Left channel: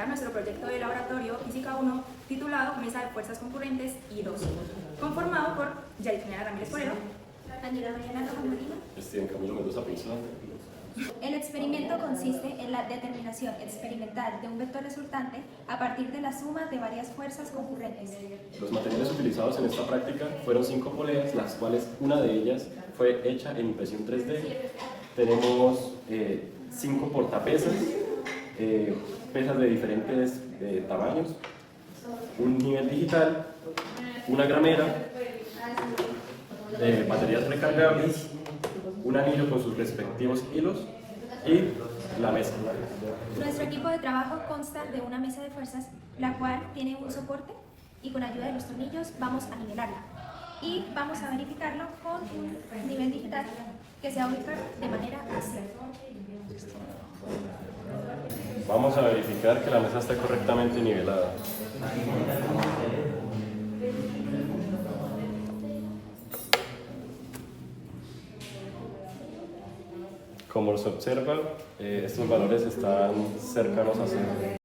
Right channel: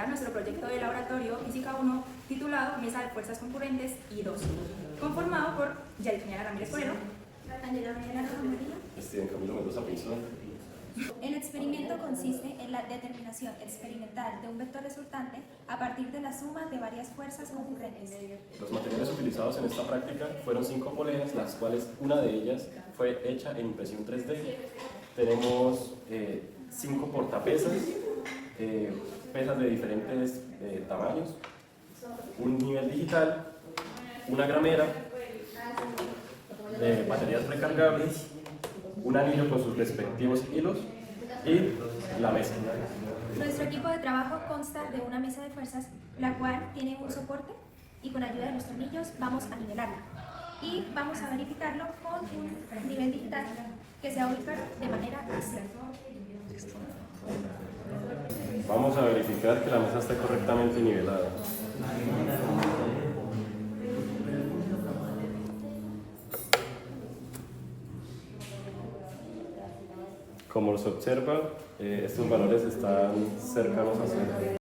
presentar nuestro proyecto de laboratorio Física 1 titulado Mesa de Fuerzas Concurrentes I2, conformado por Yadifina Ramírez Forero, Angela Mañana Rojo Molina. Camilo Mendoza Pinzón. El experimento consiste en la determinación experimental de un vector resultante a partir de la suma de varias fuerzas concurrentes. Los materiales utilizados en esta práctica fueron 5 poleas, las cuales una de ellas fue hecha en impresión 3D. Tenemos 5 portapesas, pesas de diferentes tamaños, un nivel digital, una gramera, baterías recargables, un anillo con sus respectivos hilos y la mesa. Nuestro equipo de trabajo consta de una mesa de fuerzas, la cual tiene un soporte y con ayuda de los tornillos vamos a nivelarla. Y vamos a verificarlo con un nivel digital que se va a ubicar de manera así. Vamos a verificar que la mesa esté correctamente nivelada. Como se observa, estos valores están cercanos a cero.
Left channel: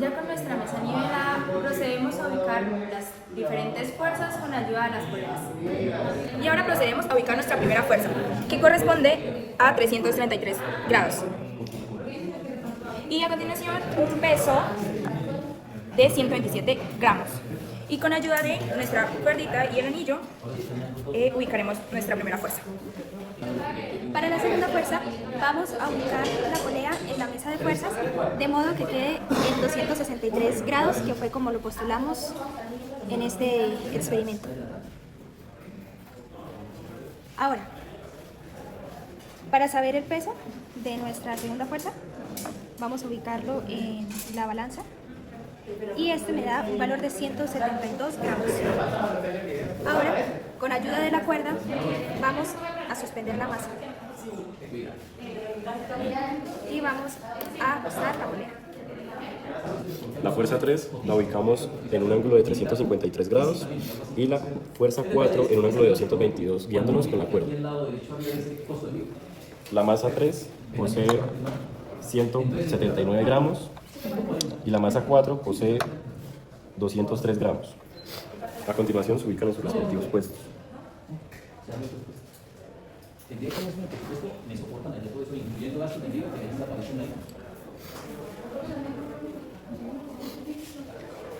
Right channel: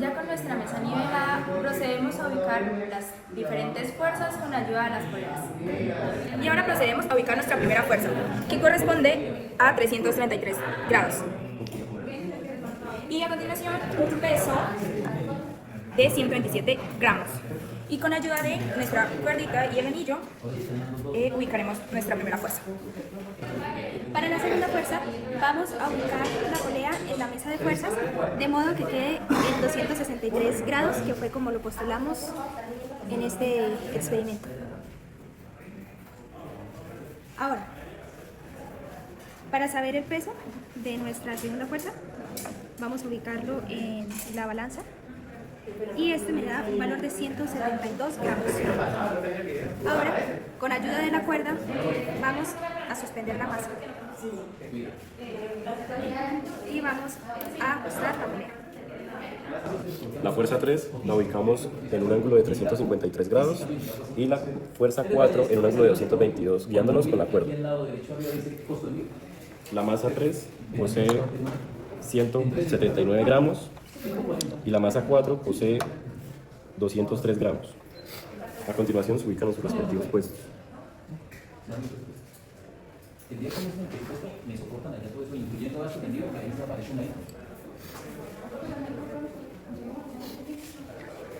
Ya con nuestra mesa nivelada, procedemos a ubicar las diferentes fuerzas con ayuda de las poleas. Y ahora procedemos a ubicar nuestra primera fuerza, que corresponde a 333 grados. Y a continuación, un peso de 127 gramos. Y con ayuda de nuestra cuerdita y el anillo, ubicaremos nuestra primera fuerza. Para la segunda fuerza vamos a ubicar la polea en la mesa de fuerzas de modo que quede en 263 grados, que fue como lo postulamos en este experimento. Ahora, para saber el peso de nuestra segunda fuerza, vamos a ubicarlo en la balanza y este me da un valor de 172 gramos. Ahora, con ayuda de la cuerda, vamos a suspender la masa y vamos a ajustar la polea. La fuerza 3 la ubicamos en un ángulo de 353 grados y la fuerza 4 en un ángulo de 222, guiándonos con la cuerda. La masa 3 posee 179 gramos y la masa 4 posee 203 gramos. A continuación se ubican en sus respectivos puestos.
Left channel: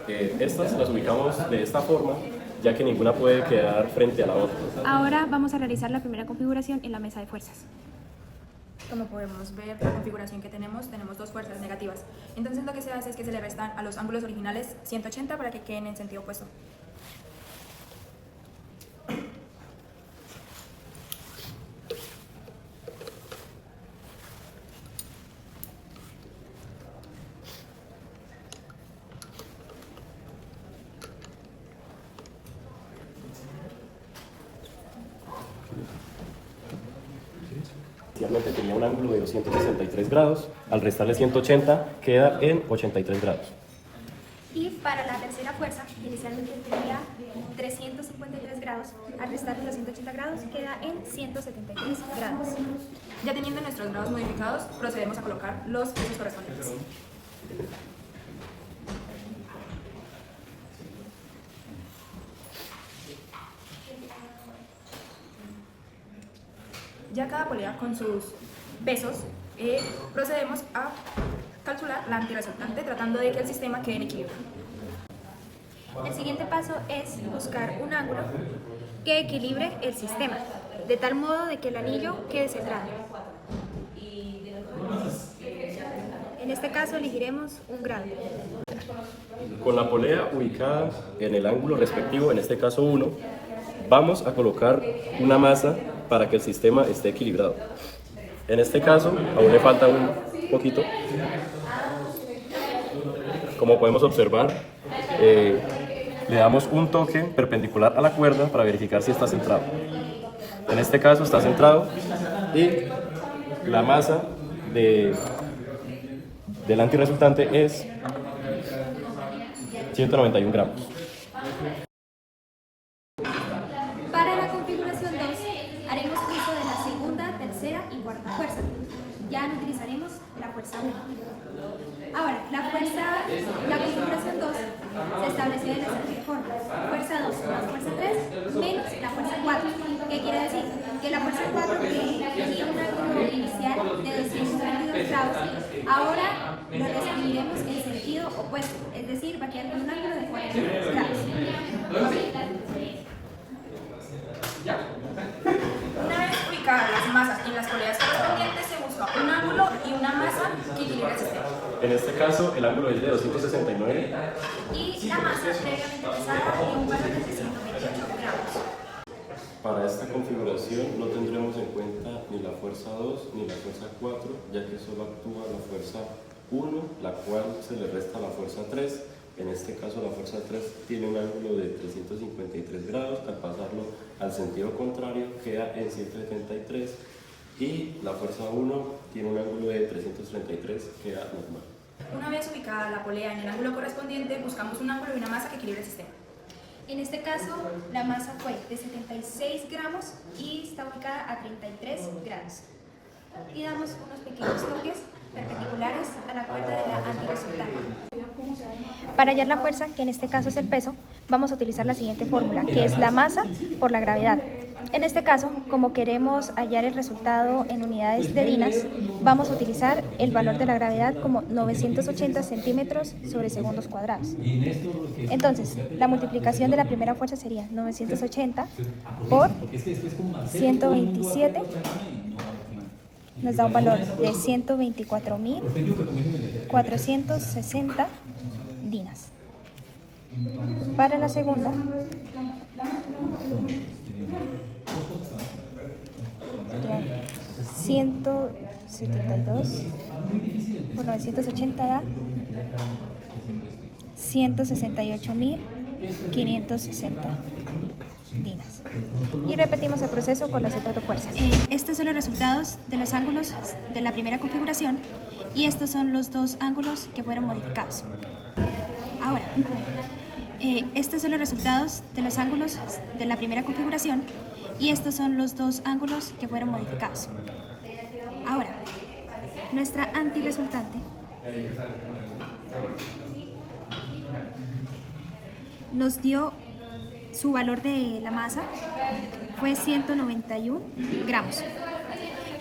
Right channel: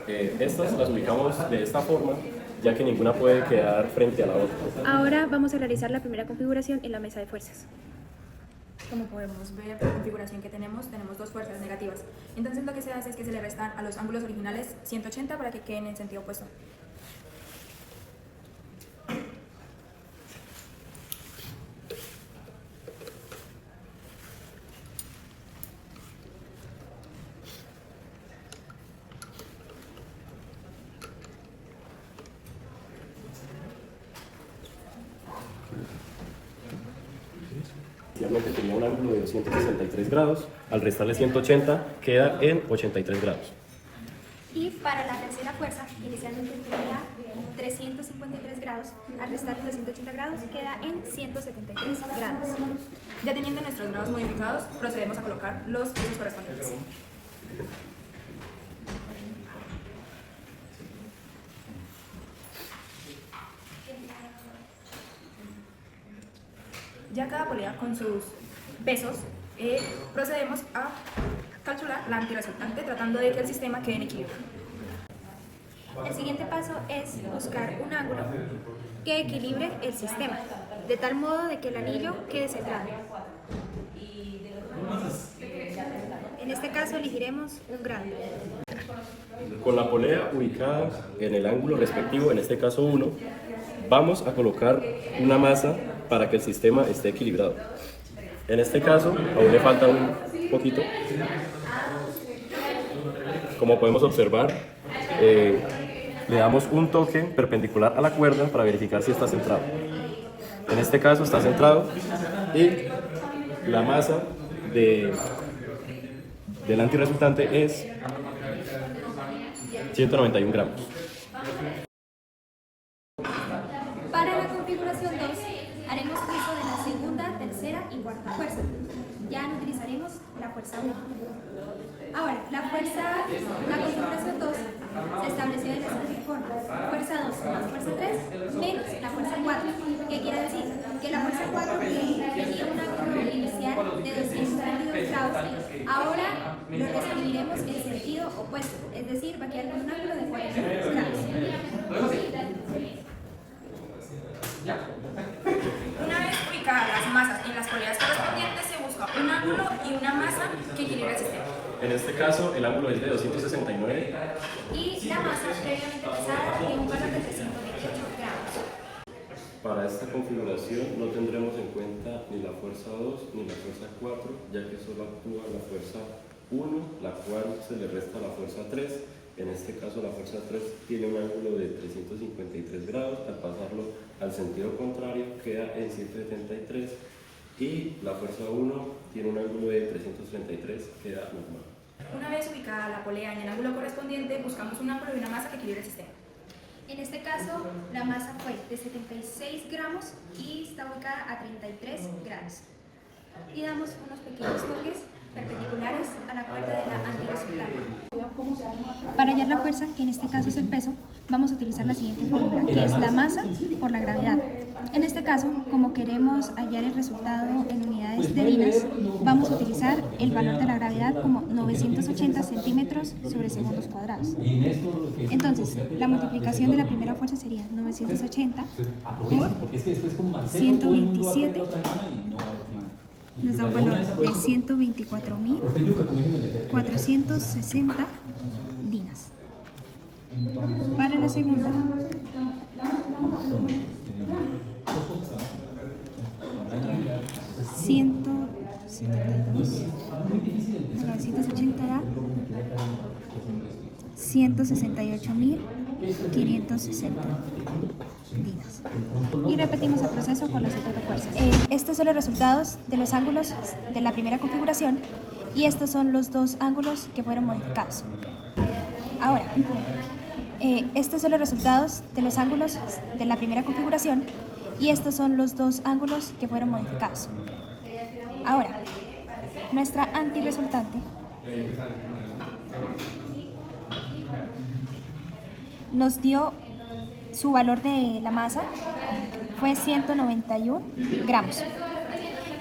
Estas las ubicamos de esta forma, ya que ninguna puede quedar frente a la otra. Ahora vamos a realizar la primera configuración en la mesa de fuerzas. Como podemos ver, la configuración que tenemos dos fuerzas negativas. Entonces lo que se hace es que se le restan a los ángulos originales 180 para que queden en sentido opuesto. Inicialmente tenía un ángulo de 263 grados, al restarle 180 queda en 83 grados. Y para la tercera fuerza, inicialmente tenía 353 grados, al restarle los 180 grados queda en 173 grados. Ya teniendo nuestros grados modificados, procedemos a colocar los pesos correspondientes. Ya cada polea con sus pesos, procedemos a calcular la antirresultante tratando de que el sistema quede en equilibrio. El siguiente paso es buscar un ángulo que equilibre el sistema, de tal modo de que el anillo quede centrado. En este caso elegiremos un grado. Con la polea ubicada en el ángulo respectivo, en este caso 1, vamos a colocar una masa para que el sistema esté equilibrado. En este caso, aún le falta un poquito. Como podemos observar, le damos un toque perpendicular a la cuerda para verificar si está centrado. En este caso está centrado y la masa del antirresultante es 191 gramos. Para la configuración 2, haremos uso de la segunda, tercera y cuarta fuerza. ya no utilizaremos la fuerza 1. Ahora, la configuración 2 se estableció de la siguiente forma: fuerza 2 más fuerza 3 menos la fuerza 4. ¿Qué quiere decir? Que la fuerza 4, que tenía un ángulo inicial de 222 grados, ahora lo reescribiremos en sentido opuesto, es decir, va a quedar con un ángulo de 42 grados. Una vez ubicadas las masas en las poleas correspondientes, se busca un ángulo y una masa que equilibre el sistema. En este caso, el ángulo es de 269. Y la masa previamente pesada de un valor de 328 gramos. Para esta configuración no tendremos en cuenta ni la fuerza 2 ni la fuerza 4, ya que solo actúa la fuerza 1, la cual se le resta la fuerza 3. En este caso la fuerza 3 tiene un ángulo de 353 grados, al pasarlo al sentido contrario queda en 173, y la fuerza 1 tiene un ángulo de 333, queda normal. Una vez ubicada la polea en el ángulo correspondiente, buscamos un ángulo y una masa que equilibre el sistema. En este caso, la masa fue de 76 gramos y está ubicada a 33 grados. Y damos unos pequeños toques perpendiculares a la cuerda de la antirresultante. Para hallar la fuerza, que en este caso es el peso, vamos a utilizar la siguiente fórmula, que es la masa por la gravedad. En este caso, como queremos hallar el resultado en unidades de dinas, vamos a utilizar el valor de la gravedad como 980 centímetros sobre segundos cuadrados. Entonces, la multiplicación de la primera fuerza sería 980 por 127, nos da un valor de 124.460 dinas. Para la segunda, $172 por 980 da 168.560 dinas. Y repetimos el proceso con las otras fuerzas. Estos son los resultados de los ángulos de la primera configuración y estos son los dos ángulos que fueron modificados. Ahora, estos son los resultados de los ángulos de la primera configuración y estos son los dos ángulos que fueron modificados. Ahora, nuestra antirresultante nos dio su valor de la masa, fue 191 gramos,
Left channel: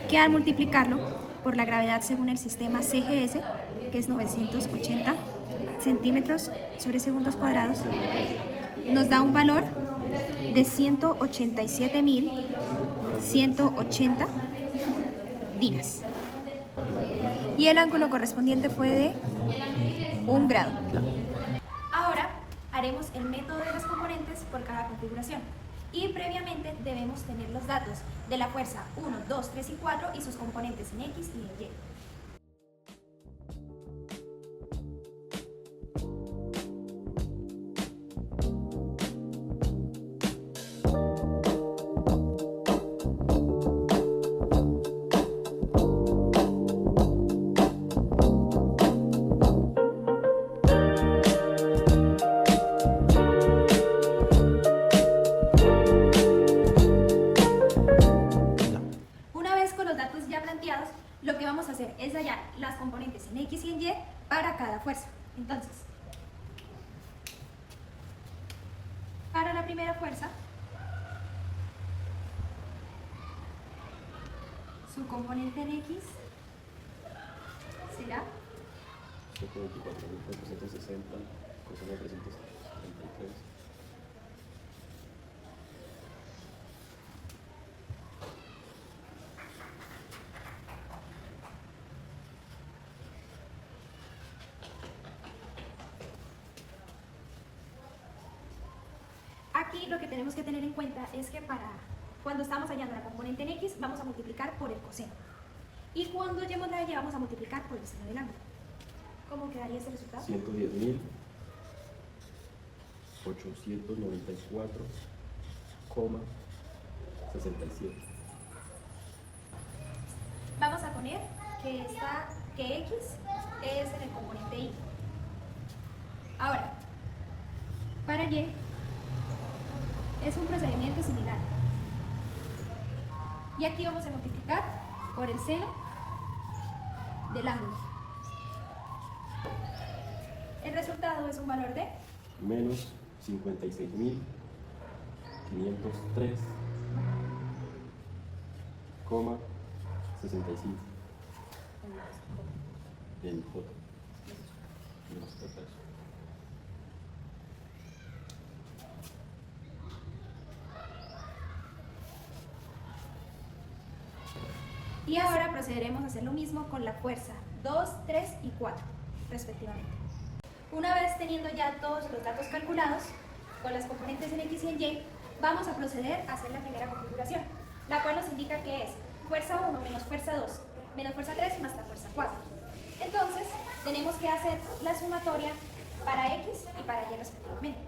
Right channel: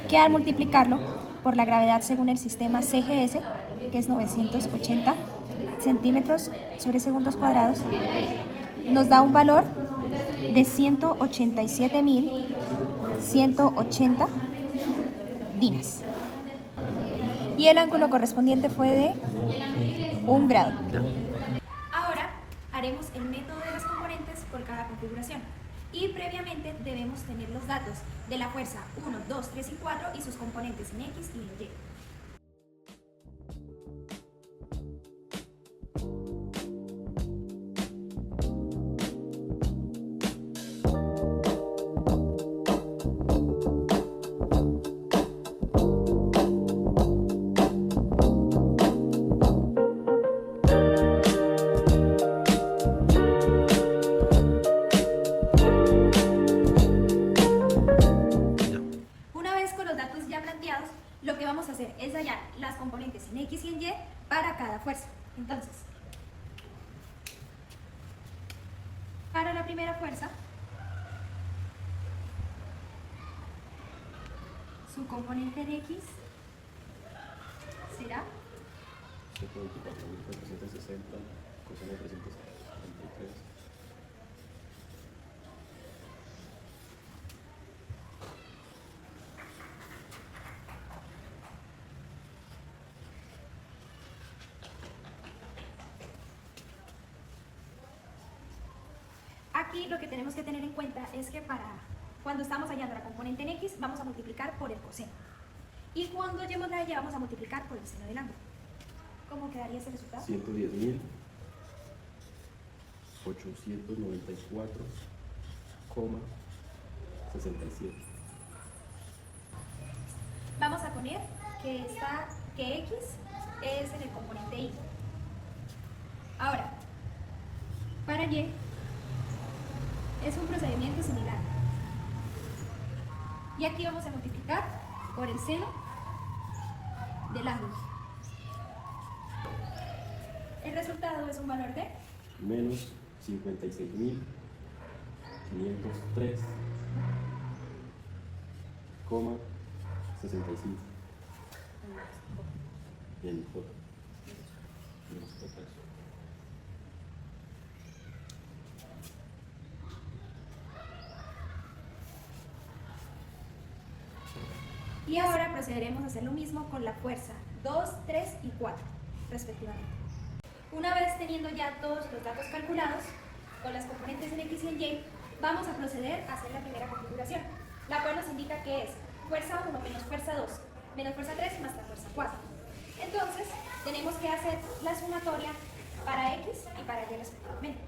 que al multiplicarlo por la gravedad según el sistema CGS, que es 980 centímetros sobre segundos cuadrados, nos da un valor de 187.180 dinas. Y el ángulo correspondiente fue de 1 grado. Ahora haremos el método de las componentes por cada configuración. Y previamente debemos tener los datos de la fuerza 1, 2, 3 y 4 y sus componentes en X y en Y. Lo que vamos a hacer es hallar las componentes en X y en Y para cada fuerza. Entonces, para la primera fuerza, su componente en X será 124.460 coseno 333. Aquí lo que tenemos que tener en cuenta es que cuando estamos hallando la componente en X, vamos a multiplicar por el coseno. Y cuando hallemos la Y, vamos a multiplicar por el seno del ángulo. ¿Cómo quedaría ese resultado? 110.894,67. Vamos a poner que X es en el componente Y. Ahora, para Y, es un procedimiento similar. Y aquí vamos a multiplicar por el seno del ángulo. El resultado es un valor de menos 56.503,65 en J. Menos J. Y ahora procederemos a hacer lo mismo con la fuerza 2, 3 y 4, respectivamente. Una vez teniendo ya todos los datos calculados, con las componentes en X y en Y, vamos a proceder a hacer la primera configuración, la cual nos indica que es fuerza 1 menos fuerza 2 menos fuerza 3 más la fuerza 4. Entonces, tenemos que hacer la sumatoria para X y para Y respectivamente.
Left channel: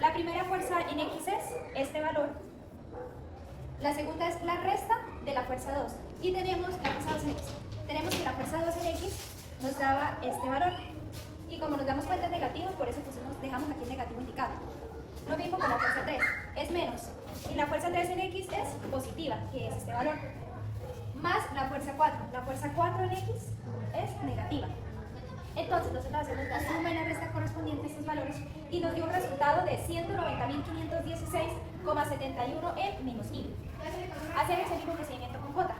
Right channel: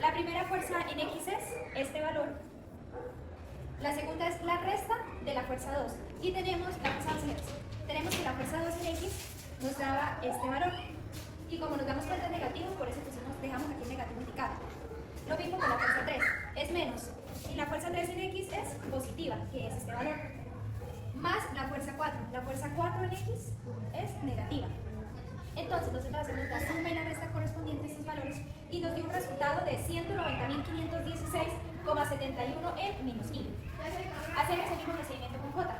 La primera fuerza en X es este valor. La segunda es la resta de la fuerza 2. Y tenemos la fuerza 2 en X. Tenemos que la fuerza 2 en X nos daba este valor. Y como nos damos cuenta es negativo, por eso dejamos aquí el negativo indicado. Lo mismo con la fuerza 3. Es menos. Y la fuerza 3 en X es positiva, que es este valor. Más la fuerza 4. La fuerza 4 en X es negativa. Entonces nosotros hacemos la suma y la resta correspondiente a estos valores y nos dio un resultado de 190.516,71 en menos I. Hacemos el mismo procedimiento con J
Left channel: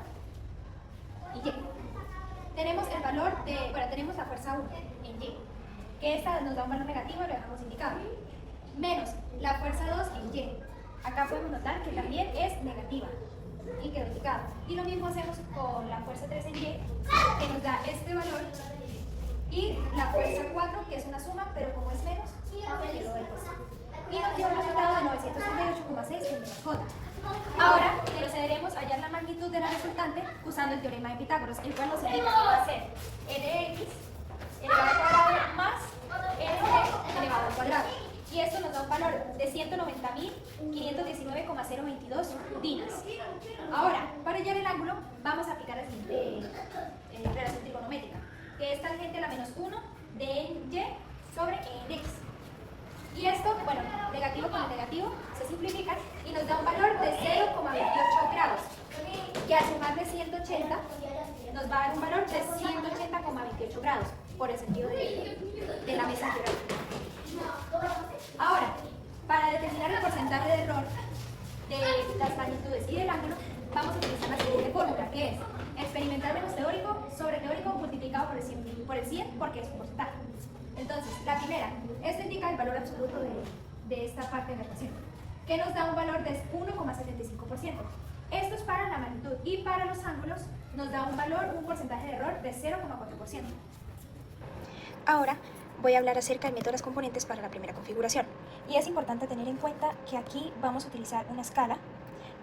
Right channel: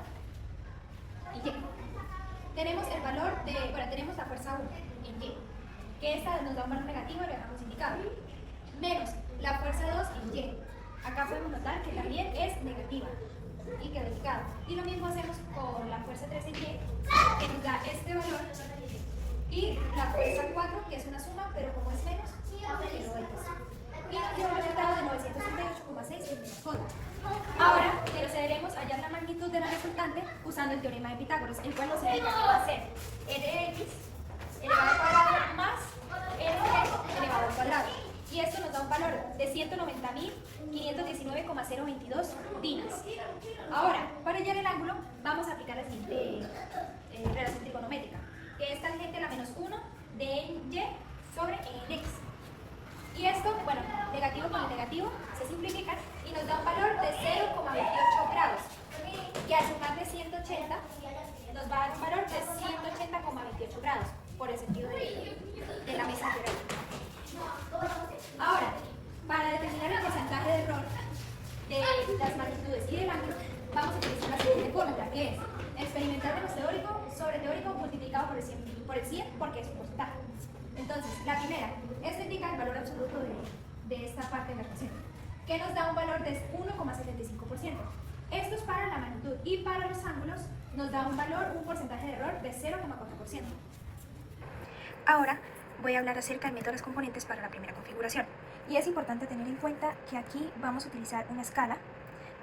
y Y. Tenemos el valor de, tenemos la fuerza 1 en Y, que esta nos da un valor negativo y lo dejamos indicado. Menos la fuerza 2 en Y. Acá podemos notar que también es negativa y quedó indicado. Y lo mismo hacemos con la fuerza 3 en Y, que nos da este valor. Y la fuerza 4, que es una suma, pero como es menos, aunque lo X. Y nos dio un resultado de 938,6 en menos J. Ahora procederemos a hallar la magnitud de la resultante usando el teorema de Pitágoras, el cual nos indica que va a ser e de x elevado al cuadrado más e de y elevado al cuadrado. Y esto nos da un valor de 190.519,022 dinas. Ahora, para hallar el ángulo, vamos a aplicar la siguiente relación trigonométrica, que es tangente a la menos 1 de y sobre en x. Y esto, negativo con el negativo se simplifican y nos da un valor de 0,28 grados, que al sumar de 180 nos va a dar un valor de 180,28 grados por el sentido de la mesa geográfica. Ahora, para determinar el porcentaje de error de las magnitudes y del ángulo, vamos a utilizar la siguiente fórmula, que es experimental menos teórico sobre teórico multiplicado por el 100 porque es un porcentaje. Entonces, la primera, esto indica el valor absoluto de esta parte de la ecuación, que nos da un valor de 1,75%. Esto es para la magnitud y para los ángulos nos da un valor, un porcentaje de error de 0,4%. Ahora voy a hablar acerca del método de las componentes para la primera configuración. Y es importante tener en cuenta que aquí vamos a utilizar una escala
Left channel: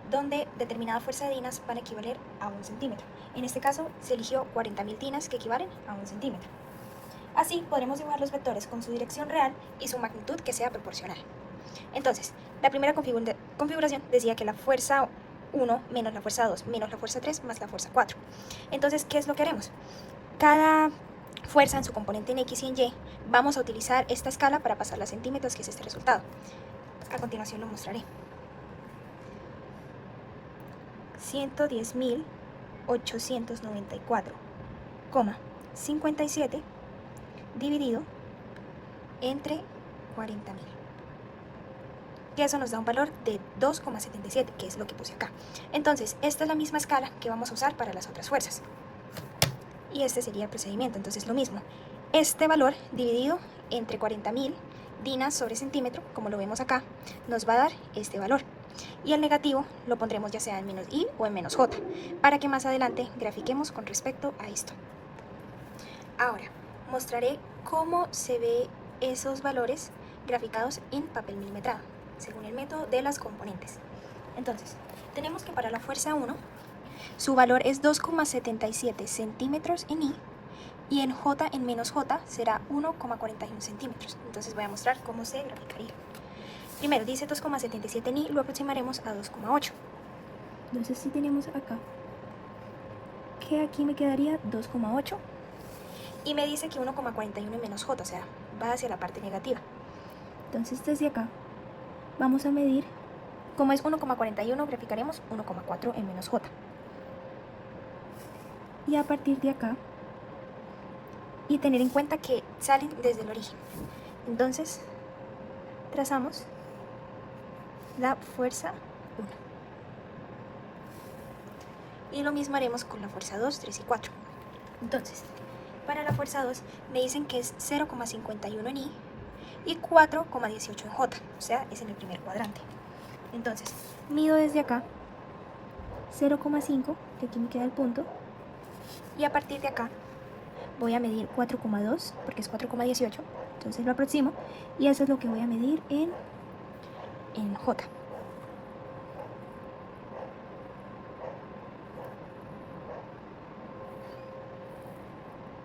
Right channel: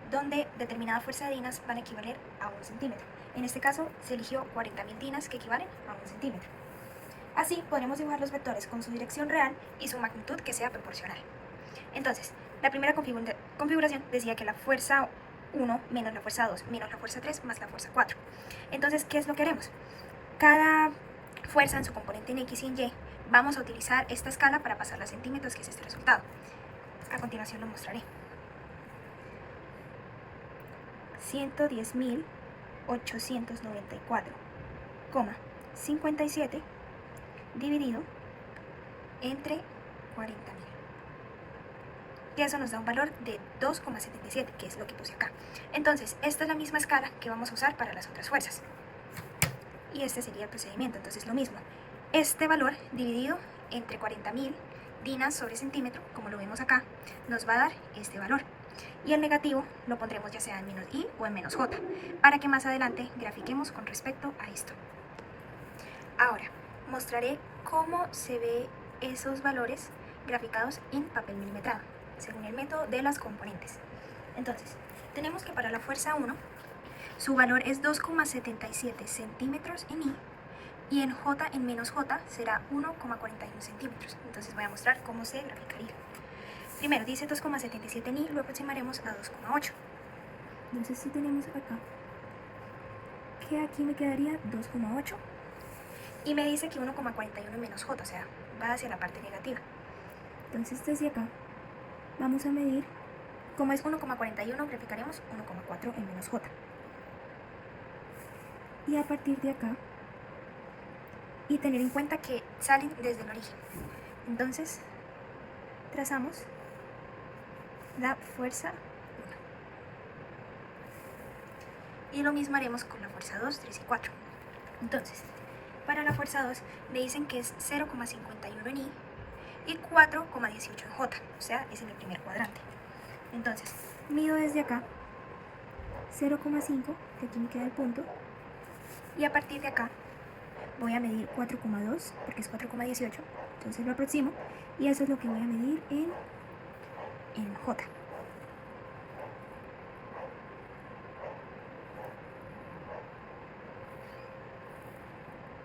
donde determinada fuerza de dinas van a equivaler a 1 centímetro. En este caso se eligió 40.000 dinas que equivalen a 1 centímetro. Así podremos dibujar los vectores con su dirección real y su magnitud que sea proporcional. Entonces, la primera configuración decía que la fuerza 1 menos la fuerza 2 menos la fuerza 3 más la fuerza 4. Entonces, ¿qué es lo que haremos? Cada fuerza en su componente en X y en Y, vamos a utilizar esta escala para pasarla a centímetros, que es este resultado. A continuación lo mostraré. 110.894,57 dividido entre 40.000, que eso nos da un valor de 2,77, que es lo que puse acá. Entonces, esta es la misma escala que vamos a usar para las otras fuerzas. Y este sería el procedimiento, entonces lo mismo. Este valor dividido entre 40.000 dinas sobre centímetro, como lo vemos acá, nos va a dar este valor. Y el negativo lo pondremos ya sea en menos i o en menos j, para que más adelante grafiquemos con respecto a esto. Ahora, mostraré cómo se ve esos valores graficados en papel milimetrado, según el método de las componentes. Entonces, tenemos que para la fuerza 1, su valor es 2,77 centímetros en i, y en j, en menos j, será 1,41 centímetros. Entonces voy a mostrar cómo se graficaría. Primero dice 2,77 en i, lo aproximaremos a 2,8. Entonces si tenemos acá, que aquí me quedaría 2,8. Y me dice que 1,41 en menos j, o sea, va hacia la parte negativa. Entonces desde acá vamos a medir, como es 1,41, graficaremos 1,4 en menos j. Y a partir de acá y tener en cuenta que salen desde el origen. Entonces, trazamos la fuerza 1. Y lo mismo haremos con la fuerza 2, 3 y 4. Entonces, para la fuerza 2 me dicen que es 0,51 en I y 4,18 en J, o sea, es en el primer cuadrante. Entonces, mido desde acá 0,5, que aquí me queda el punto, y a partir de acá voy a medir 4,2, porque es 4,18, entonces lo aproximo, y eso es lo que voy a medir en J.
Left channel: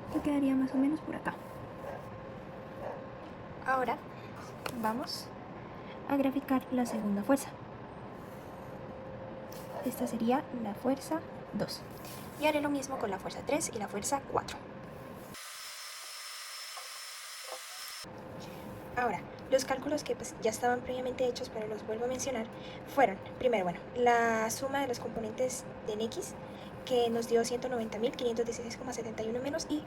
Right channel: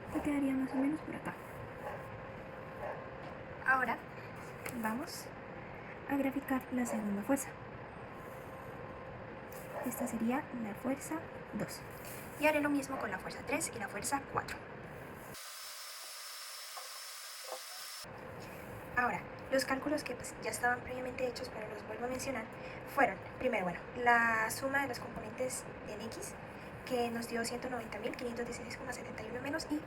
Esto quedaría más o menos por acá. Ahora vamos a graficar la segunda fuerza. Esta sería la fuerza 2. Y haré lo mismo con la fuerza 3 y la fuerza 4. Ahora, los cálculos que pues, ya estaban previamente hechos, pero los vuelvo a mencionar, fueron, primero, bueno, la suma de los componentes de en X, que nos dio 190.516,71 menos I,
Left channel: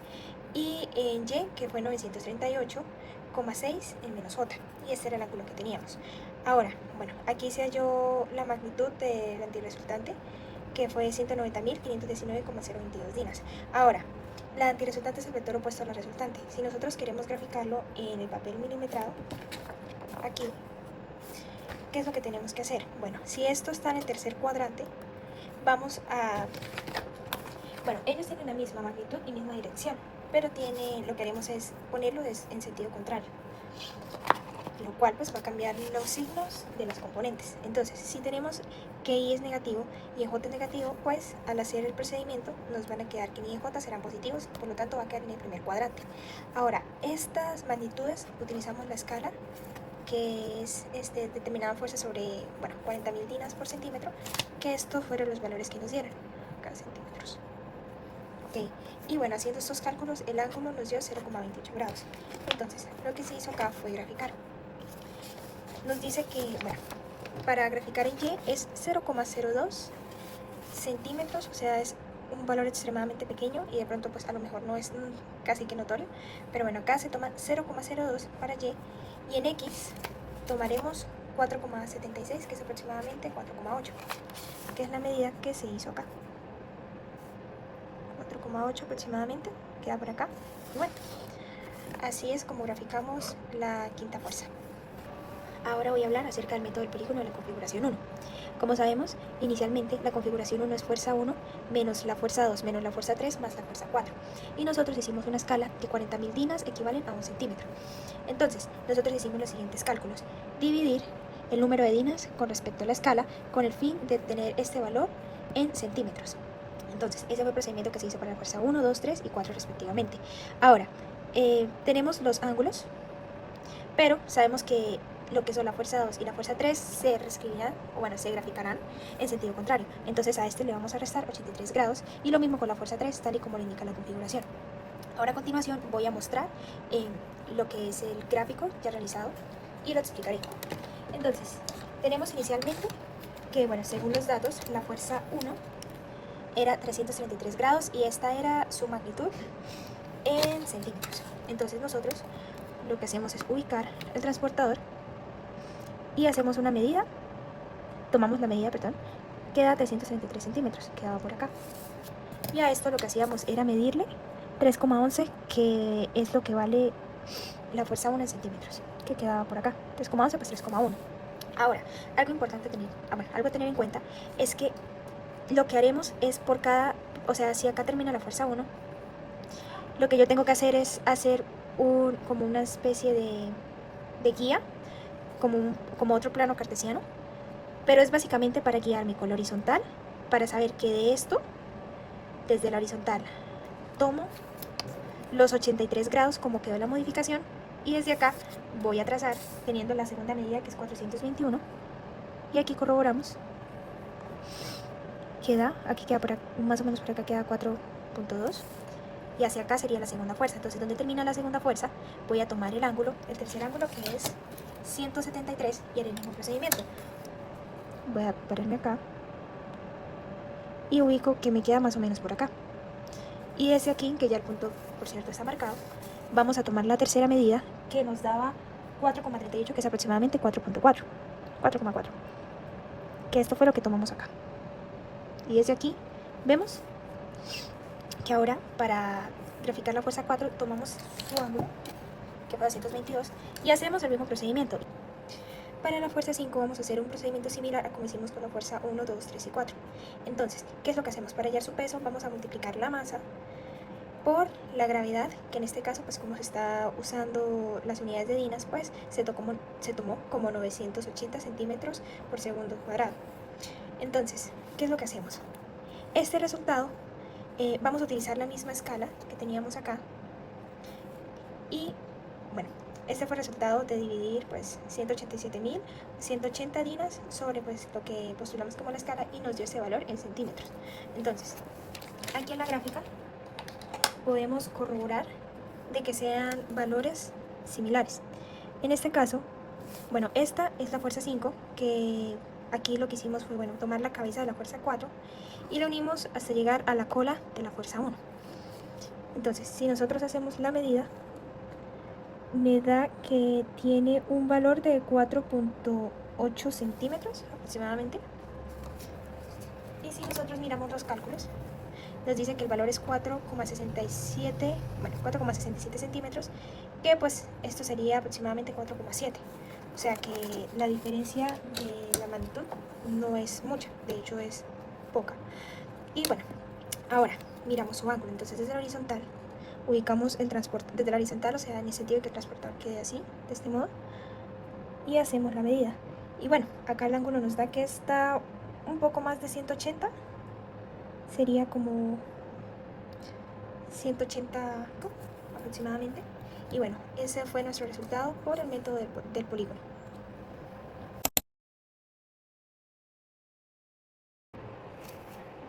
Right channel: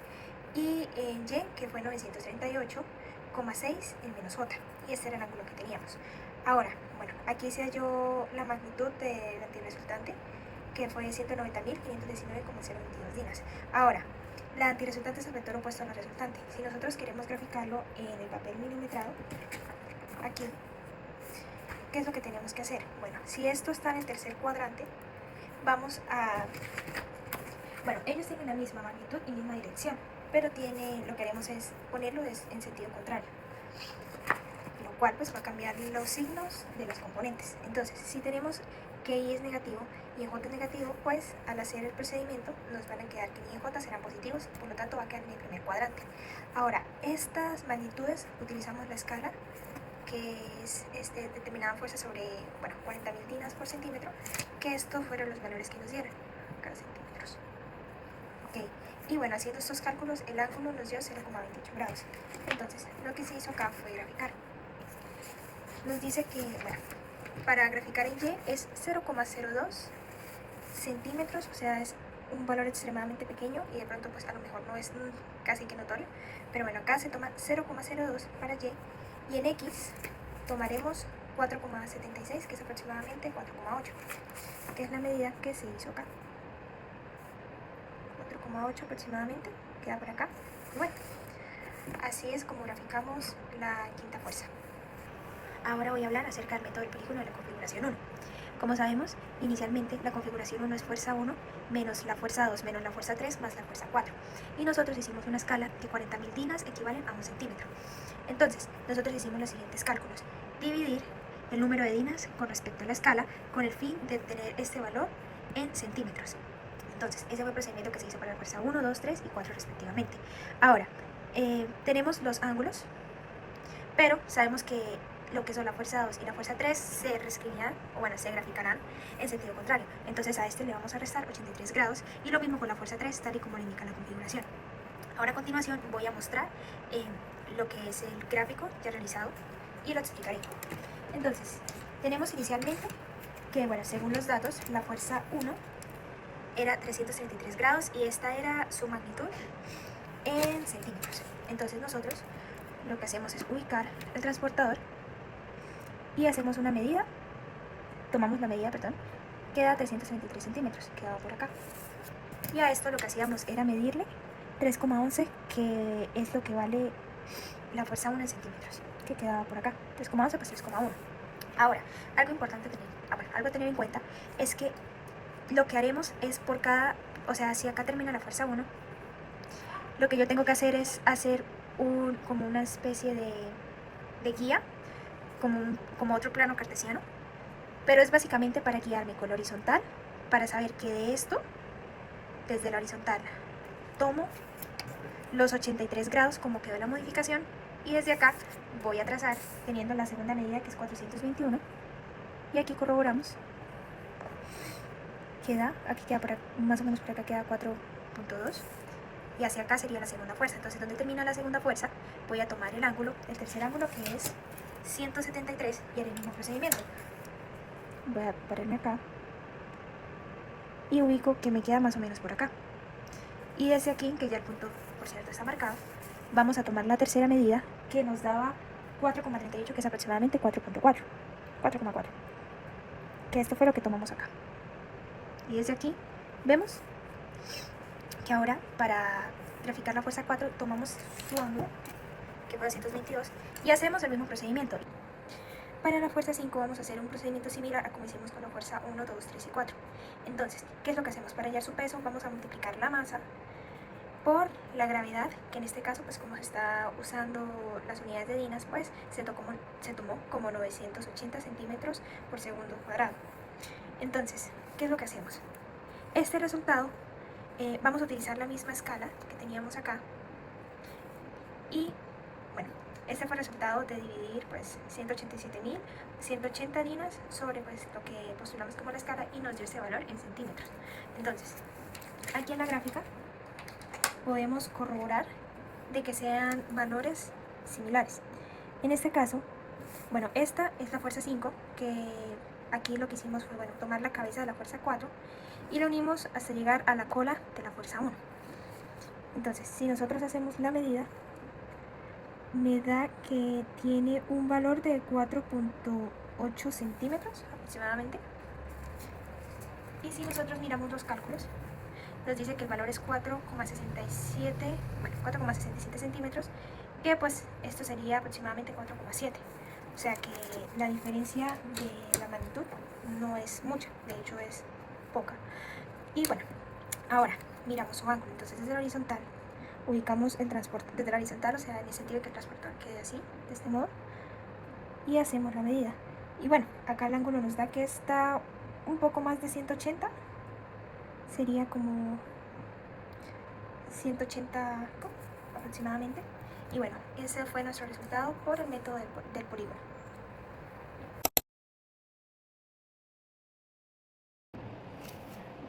y en Y, que fue 938,6 en menos J, y este era el ángulo que teníamos. Ahora, bueno, aquí se halló la magnitud del antirresultante, que fue 190.519,022 dinas. Ahora, la antirresultante es el vector opuesto a la resultante. Si nosotros queremos graficarlo en el papel milimetrado, aquí, ¿qué es lo que tenemos que hacer? Bueno, si esto está en el tercer cuadrante, vamos a... Bueno, ellos tienen la misma magnitud y misma dirección, pero lo que haremos es ponerlo en sentido contrario, lo cual pues va a cambiar los signos de los componentes. Entonces, si tenemos que I es negativo y J es negativo, pues al hacer el procedimiento nos van a quedar que I y J serán positivos, por lo tanto va a quedar en el primer cuadrante. Ahora, estas magnitudes utilizamos la escala, que es determinada fuerza sobre 40.000 dinas por centímetro, que estos fueron los valores que nos dieron, acá centímetros. Ok, y bueno, haciendo estos cálculos, el ángulo nos dio 0,28 grados. Entonces, lo que se hizo acá fue graficar. Nos dice que, bueno, para graficar en Y es 0,02 centímetros, o sea, es un valor extremadamente pequeño y de pronto pues a lo mejor no es casi que notorio, pero bueno, acá se toma 0,02 para Y, y en X tomaremos 4,76, que es aproximadamente 4,8, que es la medida que se hizo acá. 4,8 aproximadamente, queda por acá. Bueno, así es como graficamos la quinta fuerza. Ahora voy a hablar acerca del método del polígono de la configuración 1. Como sabemos, inicialmente la configuración 1 es fuerza 1 menos la fuerza 2 menos la fuerza 3 más la fuerza 4. Y nosotros hicimos una escala de 40.000 dinas equivalen a 1 centímetro. Entonces, nosotros hicimos los siguientes cálculos. Dividir el número de dinas con respecto a la escala con el fin de obtener este valor en centímetros. Entonces, ese fue el procedimiento que se hizo para la fuerza 1, 2, 3 y 4 respectivamente. Ahora, tenemos los ángulos, pero sabemos que lo que son la fuerza 2 y la fuerza 3 se reescribirán, o bueno, se graficarán en sentido contrario. Entonces a este le vamos a restar 83 grados y lo mismo con la fuerza 3, tal y como lo indica la configuración. Ahora a continuación voy a mostrar lo que es el gráfico ya realizado y lo explicaré. Entonces, tenemos inicialmente que, bueno, según los datos, la fuerza 1 era 333 grados y esta era su magnitud en centímetros. Entonces nosotros lo que hacemos es ubicar el transportador y hacemos una medida, tomamos la medida, perdón, queda 333 centímetros, quedaba por acá. Y a esto lo que hacíamos era medirle 3,11, que es lo que vale la fuerza 1 en centímetros, que quedaba por acá, 3,11 pues 3,1. Ahora, algo importante algo a tener en cuenta es que lo que haremos es por cada, o sea, si acá termina la fuerza 1, lo que yo tengo que hacer es hacer como una especie de guía, como otro plano cartesiano, pero es básicamente para guiarme con la horizontal, para saber que de esto, desde la horizontal, tomo los 83 grados como quedó la modificación, y desde acá voy a trazar teniendo la segunda medida, que es 421, y aquí corroboramos, aquí queda más o menos por acá queda 4,2, y hacia acá sería la segunda fuerza. Entonces, donde termina la segunda fuerza, voy a tomar el tercer ángulo, que es 173, y haré el mismo procedimiento. Voy a ponerme acá y ubico que me queda más o menos por acá. Y desde aquí, que ya el punto por cierto está marcado, vamos a tomar la tercera medida que nos daba 4,38, que es aproximadamente 4,4, que esto fue lo que tomamos acá. Y desde aquí vemos que ahora para graficar la fuerza 4 tomamos su ángulo, que fue 222, y hacemos el mismo procedimiento. Para la fuerza 5 vamos a hacer un procedimiento similar a como hicimos con la fuerza 1, 2, 3 y 4. Entonces, ¿qué es lo que hacemos? Para hallar su peso vamos a multiplicar la masa por la gravedad, que en este caso, pues como se está usando las unidades de dinas, pues se tomó como 980 centímetros por segundo cuadrado. Entonces, ¿qué es lo que hacemos? Este resultado, vamos a utilizar la misma escala que teníamos acá. Y bueno, este fue el resultado de dividir pues 187.180 dinas sobre pues lo que postulamos como la escala, y nos dio ese valor en centímetros. Entonces, aquí en la gráfica podemos corroborar de que sean valores similares. En este caso, bueno, esta es la fuerza 5, que aquí lo que hicimos fue, bueno, tomar la cabeza de la fuerza 4 y la unimos hasta llegar a la cola de la fuerza 1. Entonces, si nosotros hacemos la medida, me da que tiene un valor de 4,8 centímetros aproximadamente. Y si nosotros miramos los cálculos, nos dice que el valor es 4,67, bueno, 4,67 centímetros, que pues esto sería aproximadamente 4,7. O sea que la diferencia de la magnitud no es mucha, de hecho es poca. Y bueno, ahora miramos su ángulo. Entonces desde la horizontal ubicamos el transporte, desde la horizontal, o sea, en el sentido de que el transportador quede así, de este modo, y hacemos la medida. Y bueno, acá el ángulo nos da que está un poco más de 180, sería como 180 aproximadamente. Y bueno, ese fue nuestro resultado por el método del polígono.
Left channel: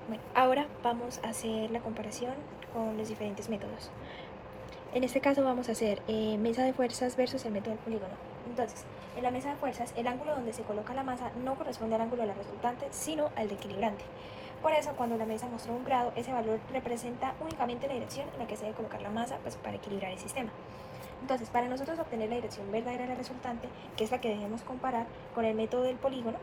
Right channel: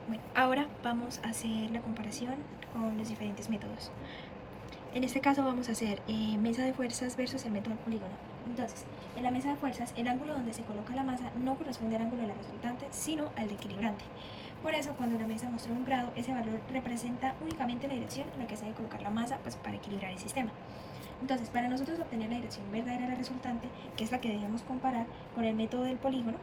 Bueno, ahora vamos a hacer la comparación con los diferentes métodos. En este caso vamos a hacer mesa de fuerzas versus el método del polígono. Entonces, en la mesa de fuerzas, el ángulo donde se coloca la masa no corresponde al ángulo de la resultante, sino al del equilibrante. Por eso, cuando la mesa mostró un grado, ese valor representa únicamente la dirección en la que se debe colocar la masa, pues, para equilibrar el sistema. Entonces, para nosotros obtener la dirección verdadera del resultante, que es la que debemos comparar con el método del polígono,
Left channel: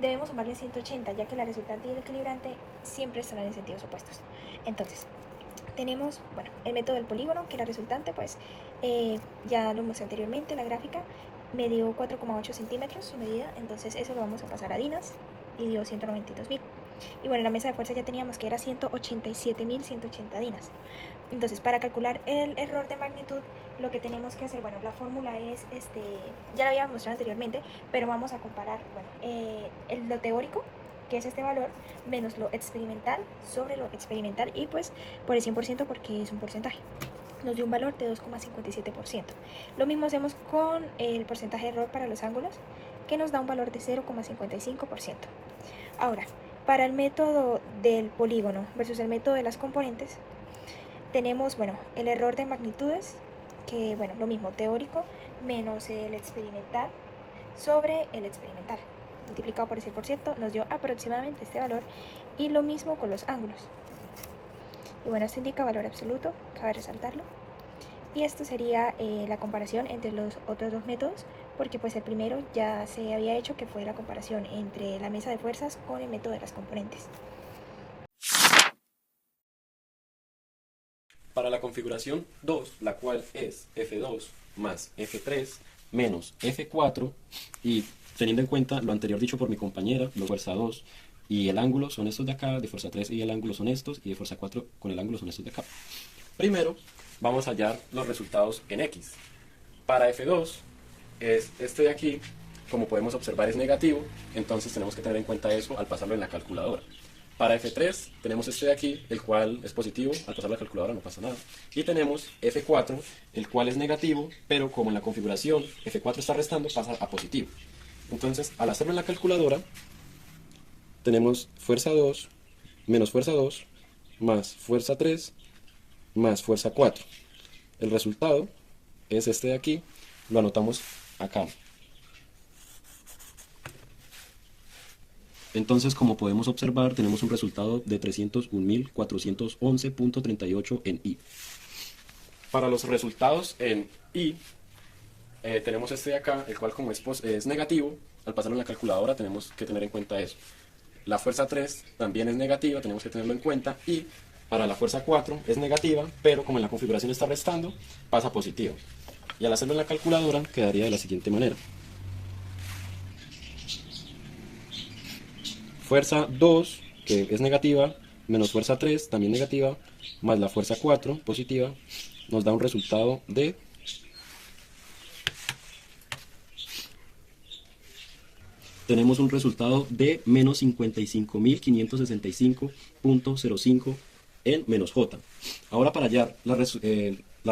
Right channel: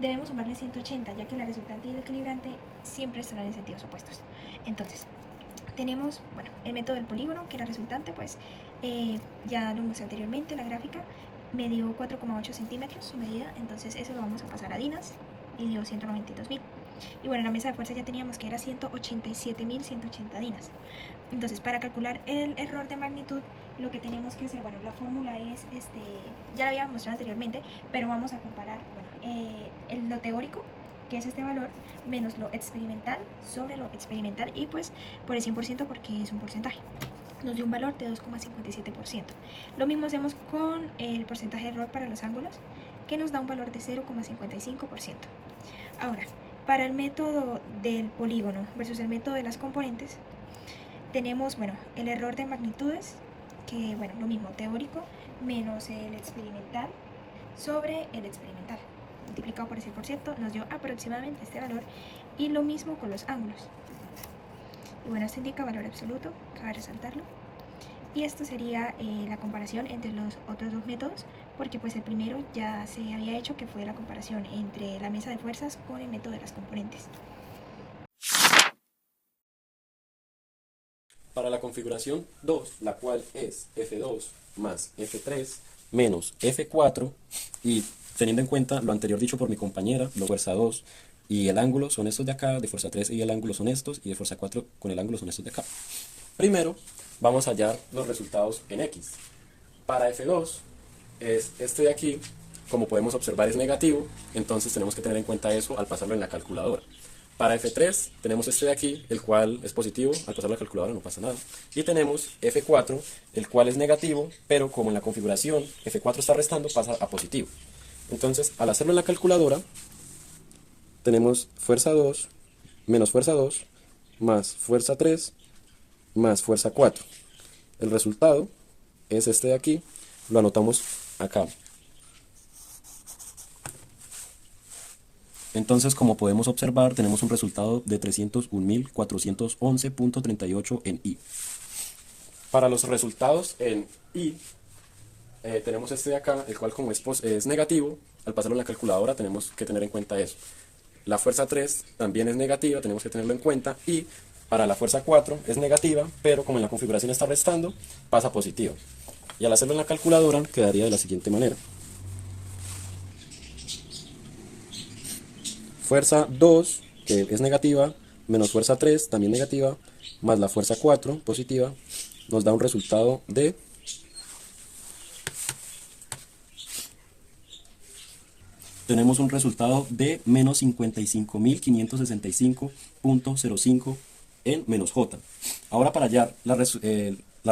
debemos sumarle 180, ya que la resultante y el equilibrante siempre están en sentidos opuestos. Entonces, tenemos, bueno, el método del polígono, que la resultante, pues, ya lo mostré anteriormente en la gráfica, me dio 4,8 centímetros su medida, entonces eso lo vamos a pasar a dinas, y dio 192.000. Y bueno, la mesa de fuerza ya teníamos que era 187.180 dinas. Entonces, para calcular el error de magnitud, lo que tenemos que hacer, bueno, la fórmula es, ya la habíamos mostrado anteriormente, pero vamos a comparar, bueno, lo teórico, que es este valor, menos lo experimental sobre lo experimental, y pues por el 100%, porque es un porcentaje. Nos dio un valor de 2,57%. Lo mismo hacemos con el porcentaje de error para los ángulos, que nos da un valor de 0,55%. Ahora, para el método del polígono versus el método de las componentes, tenemos, bueno, el error de magnitudes, que, bueno, lo mismo, teórico menos el experimental sobre el experimental, multiplicado por el 100%, nos dio aproximadamente este valor, y lo mismo con los ángulos. Y bueno, esto indica valor absoluto, cabe resaltarlo. Y esto sería la comparación entre los otros dos métodos, porque pues el primero ya se había hecho, que fue la comparación entre la mesa de fuerzas con el método de las componentes. Para la configuración 2, la cual es F2 más F3 menos F4, y teniendo en cuenta lo anterior dicho por mi compañera, de fuerza 2 y el ángulo son estos de acá, de fuerza 3 y el ángulo son estos, y de fuerza 4 con el ángulo son estos de acá. Primero, vamos a hallar los resultados en X. Para F2, es este de aquí, como podemos observar es negativo, entonces tenemos que tener en cuenta eso al pasarlo en la calculadora. Para F3 tenemos este de aquí, el cual es positivo, al pasarlo a la calculadora no pasa nada. Y tenemos F4, el cual es negativo, pero como en la configuración F4 está restando, pasa a positivo. Entonces, al hacerlo en la calculadora, tenemos fuerza 2 menos fuerza 2 más fuerza 3 más fuerza 4. El resultado es este de aquí, lo anotamos acá. Entonces, como podemos observar, tenemos un resultado de 301.411.38 en I. Para los resultados en I, tenemos este de acá, el cual como es negativo, al pasarlo en la calculadora tenemos que tener en cuenta eso. La fuerza 3 también es negativa, tenemos que tenerlo en cuenta, y para la fuerza 4 es negativa, pero como en la configuración está restando, pasa positivo. Y al hacerlo en la calculadora quedaría de la siguiente manera. Fuerza 2, que es negativa, menos fuerza 3, también negativa, más la fuerza 4, positiva, nos da un resultado de tenemos un resultado de menos 55.565.05 en menos J. Ahora para hallar la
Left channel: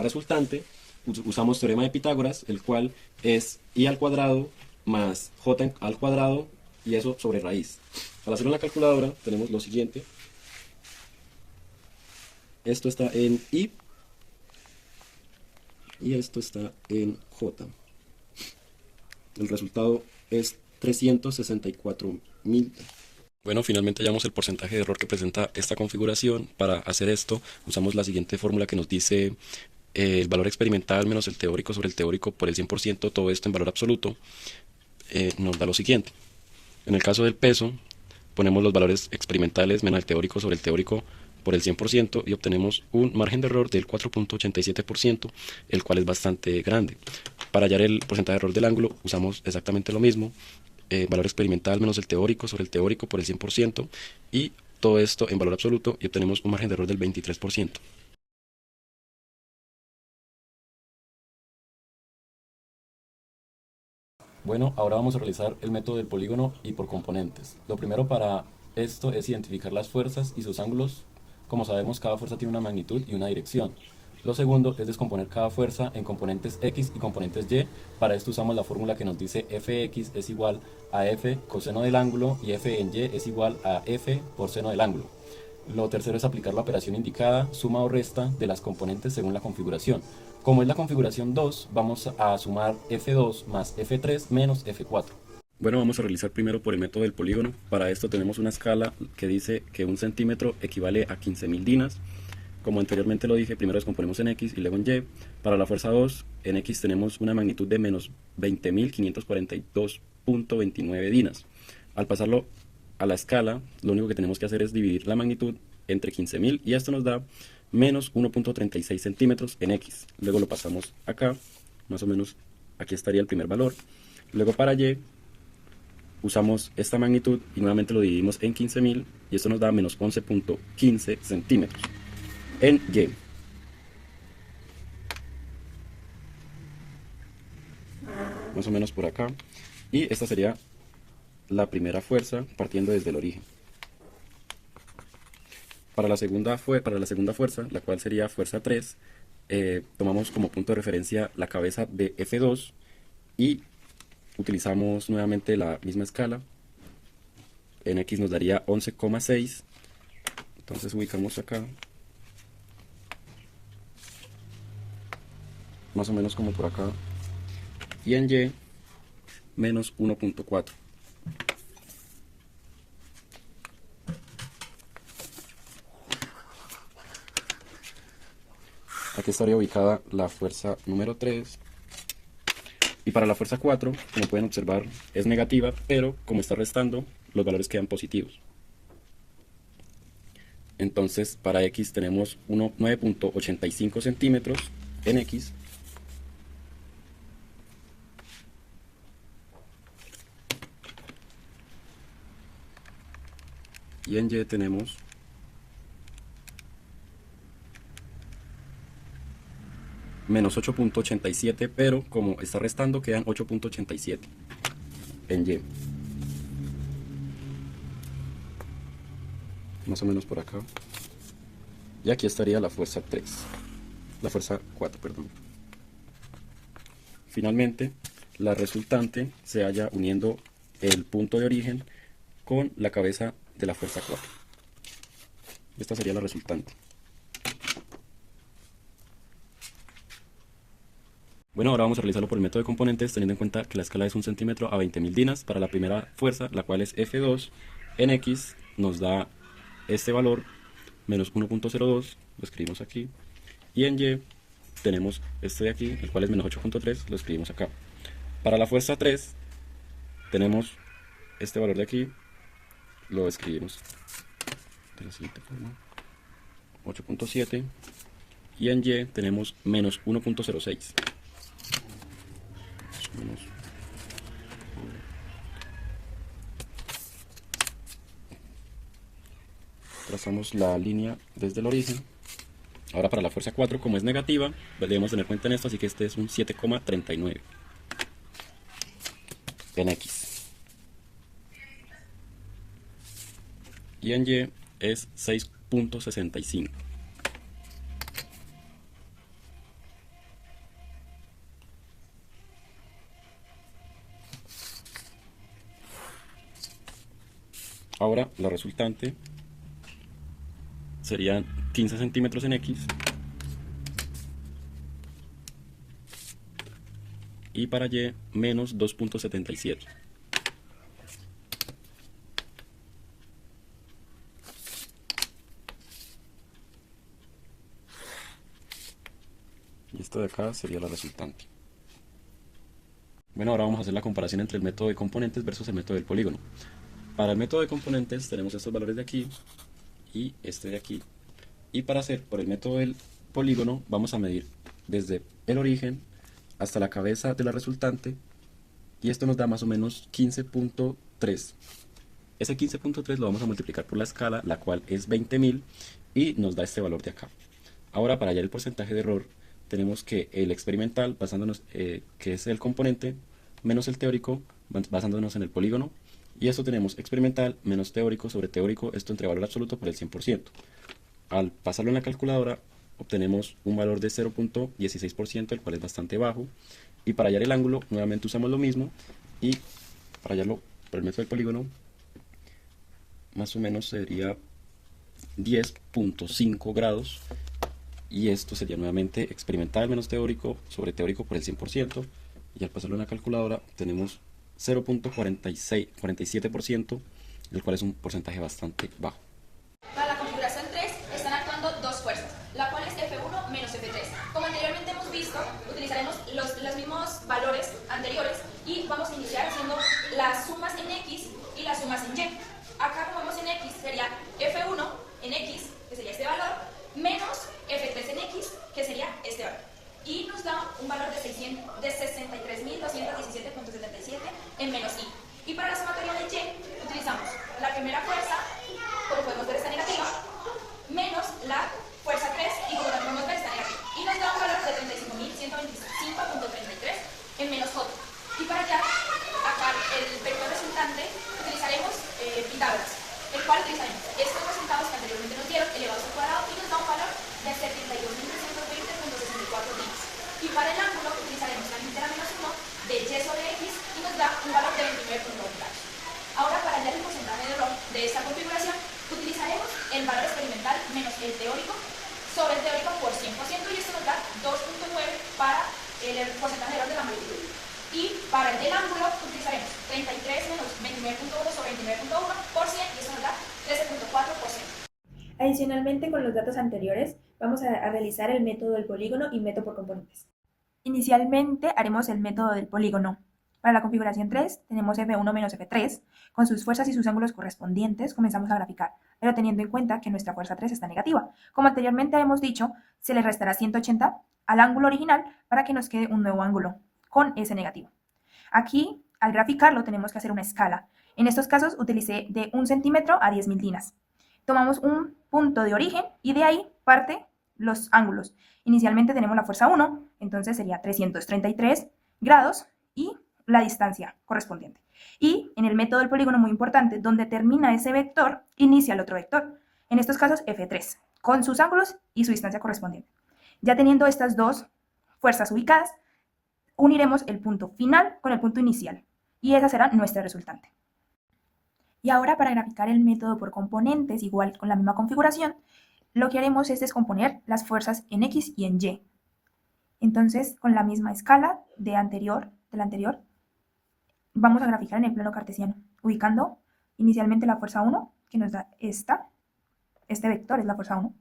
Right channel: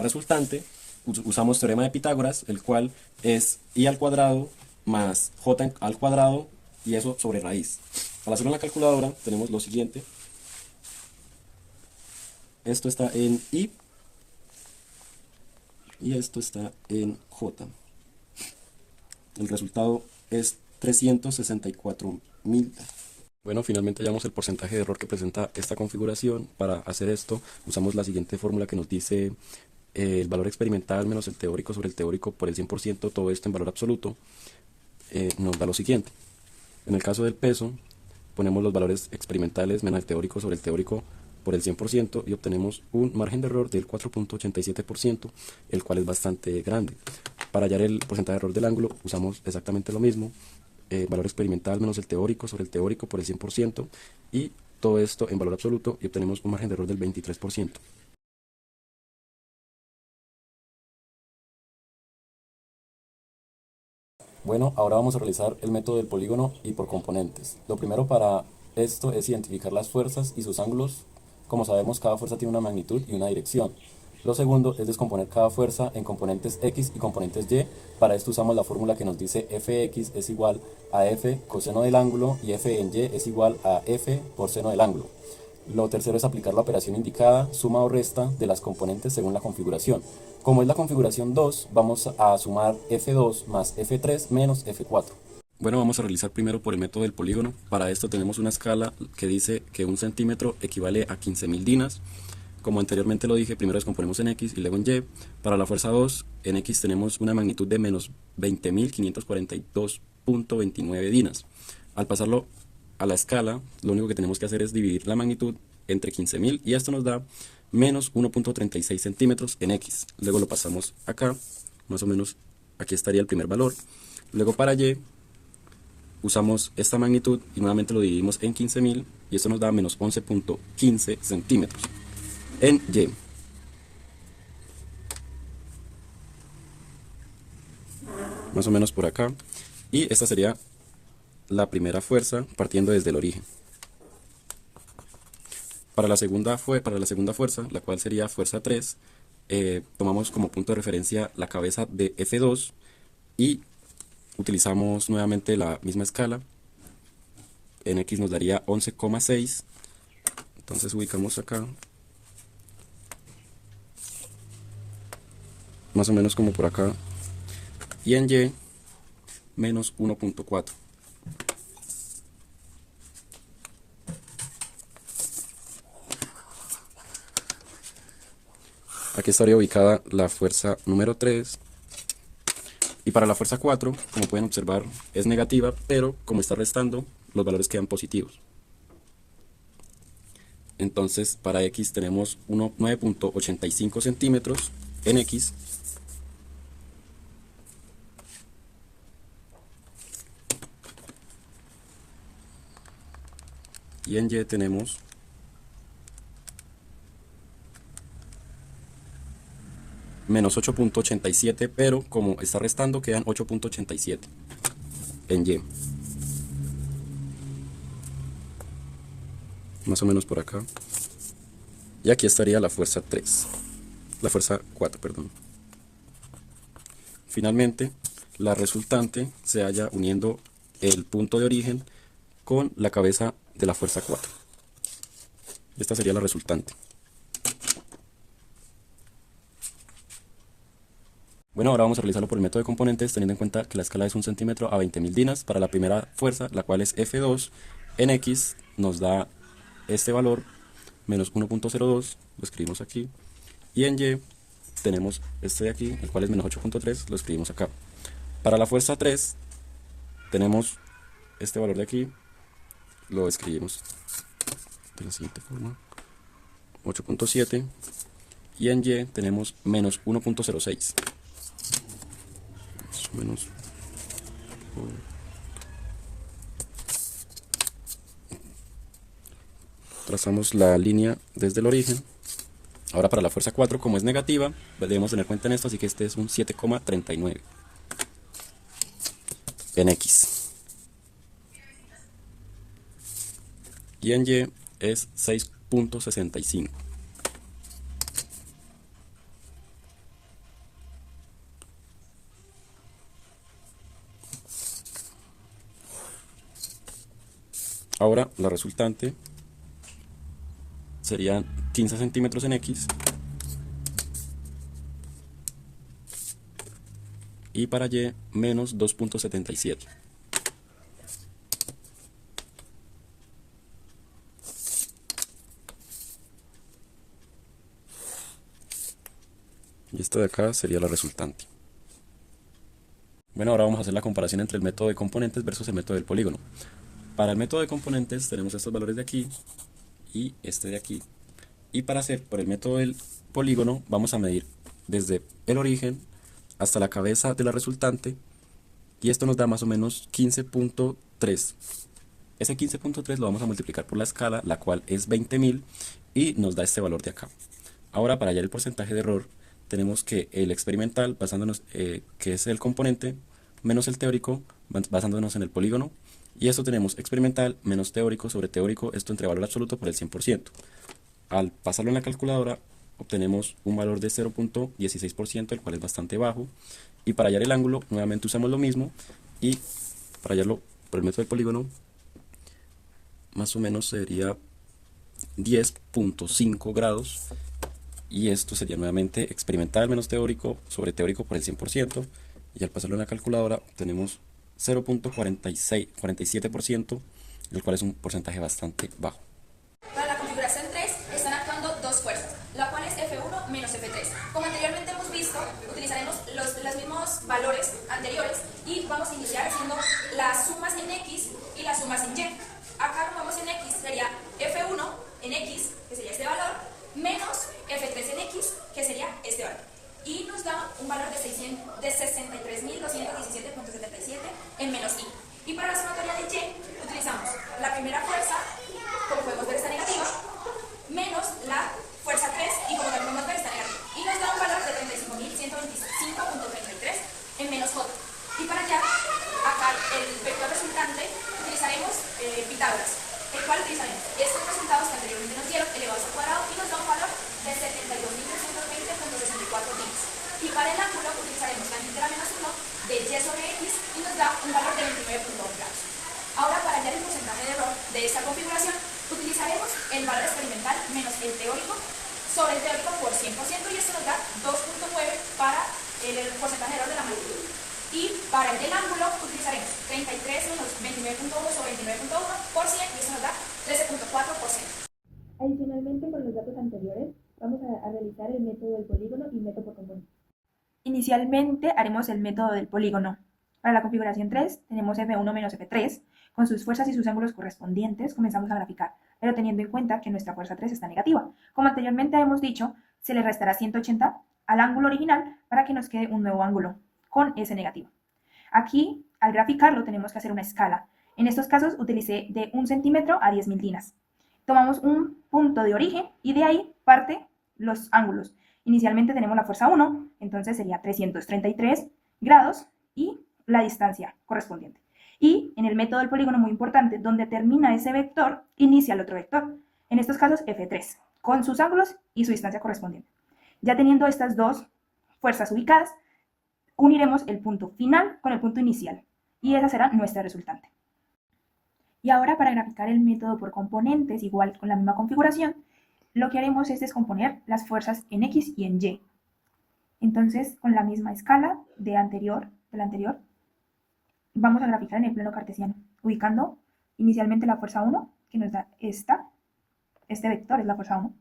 resultante usamos teorema de Pitágoras, el cual es I al cuadrado más J al cuadrado y eso sobre raíz. Al hacerlo en la calculadora tenemos lo siguiente. Esto está en I y esto está en J. El resultado es 364.000. Bueno, finalmente hallamos el porcentaje de error que presenta esta configuración. Para hacer esto usamos la siguiente fórmula que nos dice el valor experimental menos el teórico sobre el teórico por el 100%, todo esto en valor absoluto, nos da lo siguiente. En el caso del peso, ponemos los valores experimentales menos el teórico sobre el teórico por el 100% y obtenemos un margen de error del 4.87%, el cual es bastante grande. Para hallar el porcentaje de error del ángulo usamos exactamente lo mismo, valor experimental menos el teórico sobre el teórico por el 100% y todo esto en valor absoluto y obtenemos un margen de error del 23%. Bueno, ahora vamos a realizar el método del polígono y por componentes. Lo primero para esto es identificar las fuerzas y sus ángulos. Como sabemos, cada fuerza tiene una magnitud y una dirección. Lo segundo es descomponer cada fuerza en componentes X y componentes Y. Para esto usamos la fórmula que nos dice Fx es igual a F coseno del ángulo y F en Y es igual a F por seno del ángulo. Lo tercero es aplicar la operación indicada, suma o resta de las componentes según la configuración. Como es la configuración 2, vamos a sumar F2 más F3 menos F4. Bueno, vamos a realizar primero por el método del polígono. Para esto tenemos una escala que dice que 1 centímetro equivale a 15.000 dinas. Como anteriormente lo dije, primero descomponemos en X y luego en Y. Para la fuerza 2, en X tenemos una magnitud de menos 20.542.29 dinas. Al pasarlo a la escala, lo único que tenemos que hacer es dividir la magnitud entre 15.000 y esto nos da menos 1.36 centímetros en X. Luego lo pasamos acá, más o menos aquí estaría el primer valor. Luego para Y usamos esta magnitud y nuevamente lo dividimos en 15.000 y esto nos da menos 11.15 centímetros en Y. Más o menos por acá. Y esta sería la primera fuerza partiendo desde el origen. Para la segunda fuerza, la cual sería fuerza 3, tomamos como punto de referencia la cabeza de F2 y utilizamos nuevamente la misma escala. En X nos daría 11,6. Entonces ubicamos acá, más o menos como por acá. Y en Y, menos 1.4. Aquí estaría ubicada la fuerza número 3. Y para la fuerza 4, como pueden observar, es negativa, pero como está restando, los valores quedan positivos. Entonces, para X tenemos 9.85 centímetros en X. Y en Y tenemos menos 8.87, pero como está restando quedan 8.87 en Y. Más o menos por acá. Y aquí estaría la fuerza 3. La fuerza 4, perdón. Finalmente, la resultante se halla uniendo el punto de origen con la cabeza de la fuerza 4. Esta sería la resultante. Bueno, ahora vamos a realizarlo por el método de componentes, teniendo en cuenta que la escala es 1 centímetro a 20.000 dinas. Para la primera fuerza, la cual es F2, En X nos da este valor, menos 1.02, lo escribimos aquí. Y en Y tenemos este de aquí, el cual es menos 8.3, lo escribimos acá. Para la fuerza 3 tenemos este valor de aquí, lo escribimos de la siguiente forma, 8.7. Y en Y tenemos menos 1.06. Menos trazamos la línea desde el origen. Ahora para la fuerza 4, como es negativa, debemos tener cuenta en esto, así que este es un 7,39 en X. Y en Y es 6.65. Ahora la resultante serían 15 centímetros en X y para Y menos 2.77. Y esta de acá sería la resultante. Bueno, ahora vamos a hacer la comparación entre el método de componentes versus el método del polígono. Para el método de componentes tenemos estos valores de aquí y este de aquí. Y para hacer por el método del polígono vamos a medir desde el origen hasta la cabeza de la resultante, y esto nos da más o menos 15.3. Ese 15.3 lo vamos a multiplicar por la escala, la cual es 20.000, y nos da este valor de acá. Ahora, para hallar el porcentaje de error, tenemos que el experimental, basándonos que es el componente, menos el teórico, basándonos en el polígono. Y esto tenemos experimental menos teórico sobre teórico, esto entre valor absoluto por el 100%. Al pasarlo en la calculadora, obtenemos un valor de 0.16%, el cual es bastante bajo. Y para hallar el ángulo, nuevamente usamos lo mismo. Y para hallarlo por el método del polígono, más o menos sería 10.5 grados. Y esto sería nuevamente experimental menos teórico sobre teórico por el 100%. Y al pasarlo en la calculadora, tenemos 0.47%, el cual es un porcentaje bastante bajo. Para la configuración 3 están actuando dos fuerzas, la cual es F1 menos F3. Como anteriormente hemos visto, utilizaremos los mismos valores anteriores y vamos a iniciar haciendo las sumas en X y las sumas en Y. Acá, como vemos en X, sería F1 en X, que sería este valor, menos F3 en X, que sería este valor. Y nos da un valor de 63.217.77 en menos I. Y para la sumatoria de Y, utilizamos la primera fuerza, como podemos ver está negativa, menos la fuerza 3, y como también podemos ver está negativa. Y nos da un valor de 35.125.33 en menos J. Y para allá, acá el vector resultante, utilizaremos Pitágoras, el cual utilizaremos estos resultados que anteriormente nos dieron elevados al cuadrado y nos da un valor de 72.320.64 días. Y para el ángulo utilizaremos la litera menos 1 de Y sobre X y nos da un valor de 29.1 grados. Ahora, para hallar el porcentaje de error de esta configuración, utilizaremos el valor experimental menos el teórico sobre el teórico por 100%, y esto nos da 2.9 para el porcentaje de error de la magnitud. Y para el del ángulo utilizaremos 33 menos 29.1 sobre 29.1 por 100, y eso nos da 13.4%. Adicionalmente, con los datos anteriores, vamos a realizar el método del polígono y método por componentes. Inicialmente haremos el método del polígono. Para la configuración 3 tenemos F1 menos F3, con sus fuerzas y sus ángulos correspondientes comenzamos a graficar, pero teniendo en cuenta que nuestra fuerza 3 está negativa. Como anteriormente hemos dicho, se le restará 180 al ángulo original para que nos quede un nuevo ángulo con ese negativo. Aquí, al graficarlo, tenemos que hacer una escala. En estos casos utilicé de 1 centímetro a 10.000 dinas. Tomamos un punto de origen y de ahí parte los ángulos. Inicialmente tenemos la fuerza 1, entonces sería 333 grados y la distancia correspondiente. Y en el método del polígono, muy importante, donde termina ese vector, inicia el otro vector. En estos casos, F3, con sus ángulos y su distancia correspondiente. Ya teniendo estas dos fuerzas ubicadas, uniremos el punto final con el punto inicial. Y esa será nuestra resultante. Y ahora, para graficar el método por componentes, igual con la misma configuración, lo que haremos es descomponer las fuerzas en X y en Y. Entonces, con la misma escala de la anterior, vamos a graficar en el plano cartesiano, ubicando inicialmente la fuerza 1, que nos da este vector es la fuerza 1,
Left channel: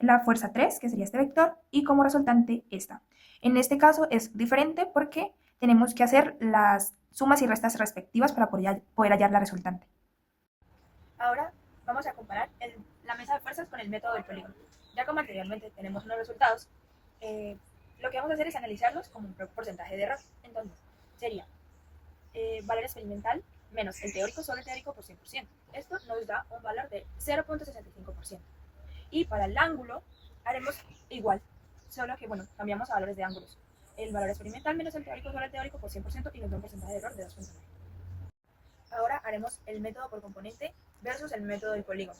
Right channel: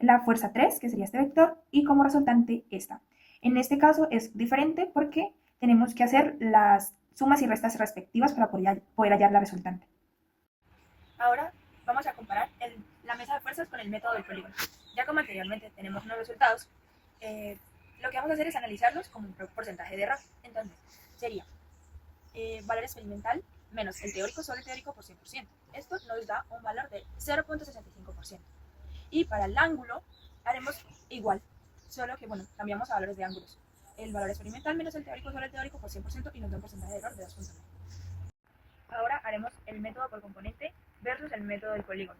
la fuerza 3, que sería este vector, y como resultante esta. En este caso es diferente porque tenemos que hacer las sumas y restas respectivas para poder hallar la resultante. Ahora vamos a comparar la mesa de fuerzas con el método del polígono. Ya como anteriormente tenemos unos resultados, lo que vamos a hacer es analizarlos como un porcentaje de error. Entonces, sería valor experimental menos el teórico sobre el teórico por 100%. Esto nos da un valor de 0.65%. Y para el ángulo haremos igual, solo que, bueno, cambiamos a valores de ángulos. El valor experimental menos el teórico sobre el teórico por 100% y nos da un porcentaje de error de 2.9. Ahora haremos el método por componente versus el método del polígono,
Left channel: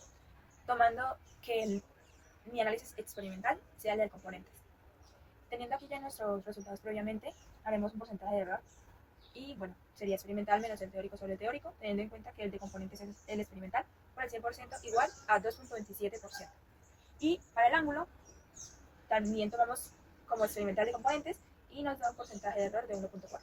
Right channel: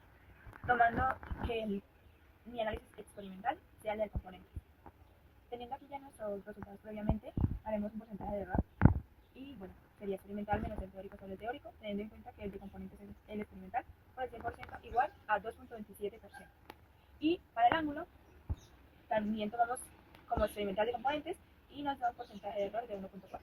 tomando que mi análisis experimental sea el del componentes. Teniendo aquí ya nuestros resultados previamente, haremos un porcentaje de error y, bueno, sería experimental menos el teórico sobre el teórico, teniendo en cuenta que el de componentes es el experimental por el 100% igual a 2.27%. Y para el ángulo, también tomamos como experimental de componentes y nos da un porcentaje de error de 1.4.